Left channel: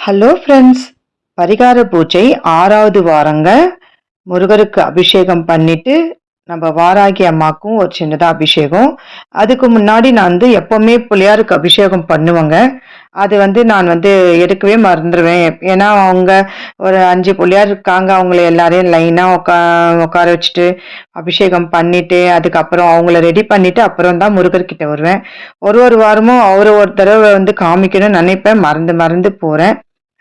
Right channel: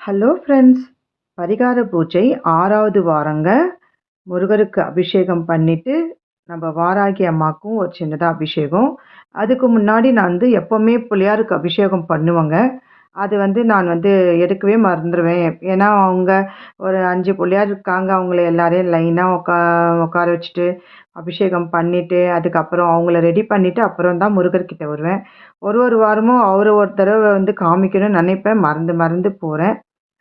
Hello friends, பரிகார பூஜை 6வது வாரங்க. முருகருக்கு அபிஷேகம் பண்ணிட்டு, நம்ம வாராகி அம்மாக்கும் ஒரு சின்னதா அபிஷேகம். அதுக்கு முன்னாடி நான் எப்பவுமே பிள்ளையாருக்கு அபிஷேகம் பண்ணுவேங்க. அது நான் எடுக்கவே மறந்துருவேன். ஏன்னா, அவங்க ஒரு 5 பிள்ளையார் இருக்காங்க. அவங்கள எல்லாரையும் லைனா உட்கார வச்சுட்டு, அபிஷேகம் பண்ணிட்டு, அதுக்கப்புறம் அவங்கள ரெடி பண்ணிட்டு, அப்புறம் தான் முருகர்கிட்ட வருவேன். ஒரு ஒரு வாரமும் அவர ஒரு தடவ காமிக்கணும்னு நினைப்பேன். மறந்து மறந்து போறேன்.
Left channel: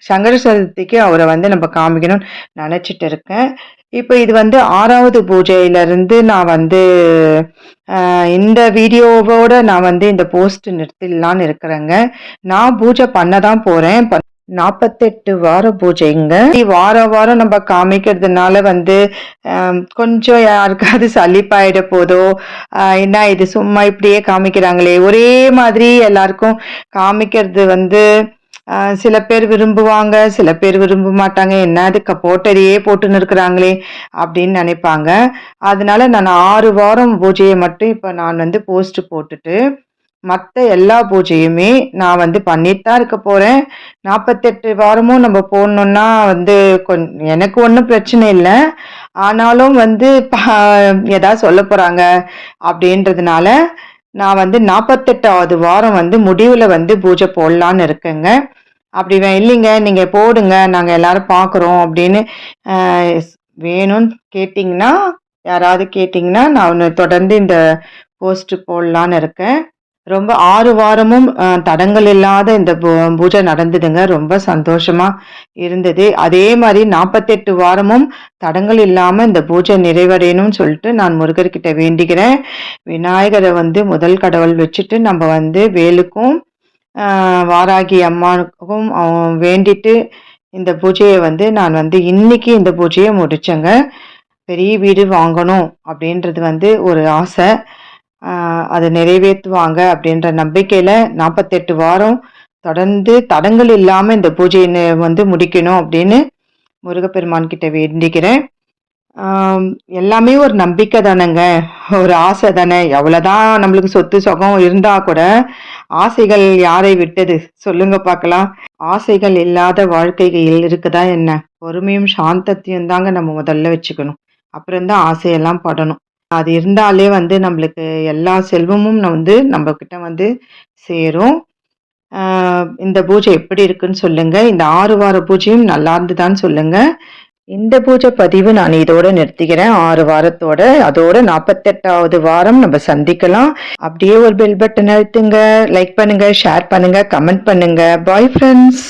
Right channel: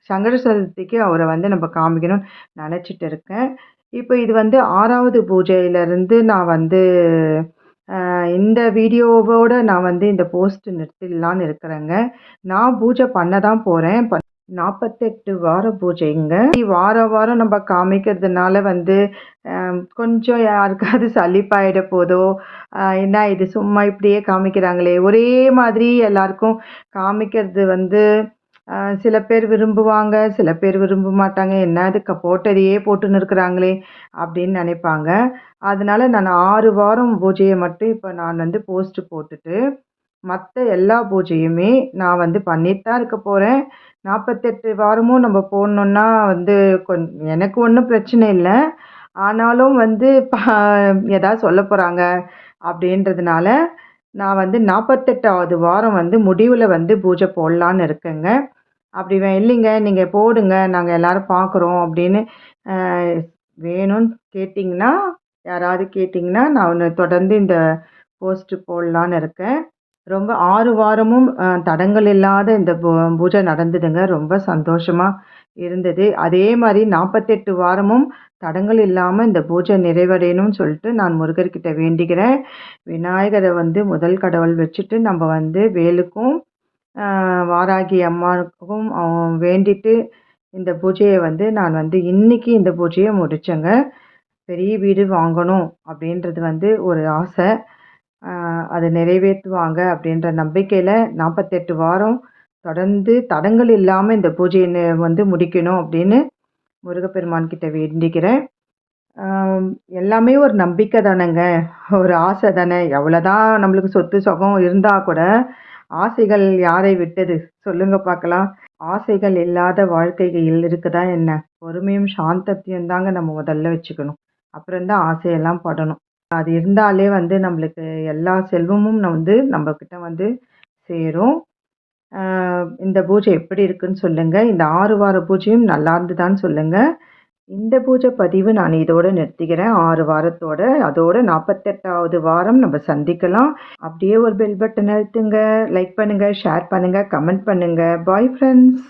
சங்கர சதுர்த்திக்கு அவர நம்ம காமிக்கணும்னு நெனச்சிட்டு இருக்கேன். இப்ப இது 6வது பூஜையிலருந்து நான் இந்த வீடியோவோட நான் இந்த போஸ்ட் நிறுத்திடலான்னு இருக்கிறேங்க. நான் பூஜை பண்ண தான் போறேன். 48 வார பூஜைங்க. வாரம் வாரம் நம்ம காமிக்கிறதுனால கொஞ்சம் யாருக்காவது சலிப்பாயிட போதோ, என்ன இது சும்மா இப்படியே காமிக்கிறாங்களே, ஒரே மாதிரி எல்லாருக்கும் காமிக்கிறது சில பேர் விரும்புவாங்க, சில பேர் விரும்ப மாட்டாங்க. என்ன அது போட்டதையே போட்டுன்னு இருக்கிறாங்களே அப்படின்னு நினைப்பாங்க. அதனால நான் 6 வாரம் பூஜைய மட்டும் இப்ப நான் போஸ்ட் போட்டுட்டு, மத்த எல்லா பூஜையுமே நான் பண்ணிட்டு தான் இருக்க போறேன். 48 வாரமும் நம்ம போடணும்னா எனக்கு ஒண்ணும் பிரச்சனை இல்ல. ஆனாலும் ஏதாவது சொல்லப் போறாங்க அப்படின்றதுனால, நான் 48வது வாரம் முடிவுல பூஜை போடலான்னு இருக்கேங்க. அப்படி இல்லைங்க, நீங்க போடுங்க, நாங்க எல்லாரும் பார்க்குறோம் அப்படின்னு அ வேணும்னு கேட்டீங்கன்னா, யாராவது கேட்டீங்கன்னா, நான் தொடர்ந்து இந்த போஸ்ட் போடலான்னு இருக்கேன். ரொம்ப 6 வாரமும் தடங்கல் இல்லாத இந்த பூஜை நடந்ததுங்க. ரொம்ப சந்தோஷமா இருந்தது. அதே மாரி 48 வாரமும் தடங்கல் இல்லாம இந்த பூஜை நிறைவடையணும்னு சொல்லிட்டு நான் முருகர்கிட்ட வேண்டிக்கிறேன். விநாயகர முதல் கடவுள் வச்சுட்டு நம்ம வேலுக்கும் வாராகி அம்மாவுக்கும் வேண்டிட்டு இந்த பூஜையை நான் இன்னைக்கு இந்த பூஜையை முடிச்சேங்க. பெரிய வீடு வாங்கணும் அப்படின்றது ஒரு ஆசை. அதை நிறைவேற்றுவாங்க அப்படின்ற நம்பிக்கையில் 48 வாரம் தொடர்ந்து தடங்கள் இல்லாமல் இந்த பூஜையை முடிக்கணும் அப்படின்னு முருகப்பெருமான் கிட்ட வேண்டிக்கிறேன். எல்லாமே ஒரு நம்பிக்கை தானேங்க, ஒரு ஆசை தானே. எவ்வளோதான் நம்மளுக்கு சொத்து சுகம் இருந்தா கூட ஆசைகள் யாரை விட்டது சொல்லுங்க பார்க்கலாம். ஆசைகள் இல்லாத வாழ்க்கையில் இருக்குதா என்ன? பொறுமையும் சாந்தத்தையும் தாங்க நம்ம முதல்ல வச்சுக்கணும். அப்புறம்தான் ஆசையெல்லாம் படணும். அது இருந்தாலே நம்மளுக்கு எல்லா செல்வமும் நம்ம கிட்ட சேரும். இந்த பூஜை எப்படி இருக்குன்னு சொல்லுங்க. இந்த 6 வார பூஜையும் நல்லா இருந்துதான்னு சொல்லுங்க. இந்த பூஜை பதிவு நான் இதோட நிறுத்திக்கிறேன். 6 வாரத்தோட. அதோட 48வது வாரம் நம்ம சந்திக்கலாம். அப்படியே ஒரு பெல் பட்டன் அழுத்துங்க. லைக் பண்ணுங்க, ஷேர் பண்ணுங்க, கமெண்ட் பண்ணுங்க. Bye friends.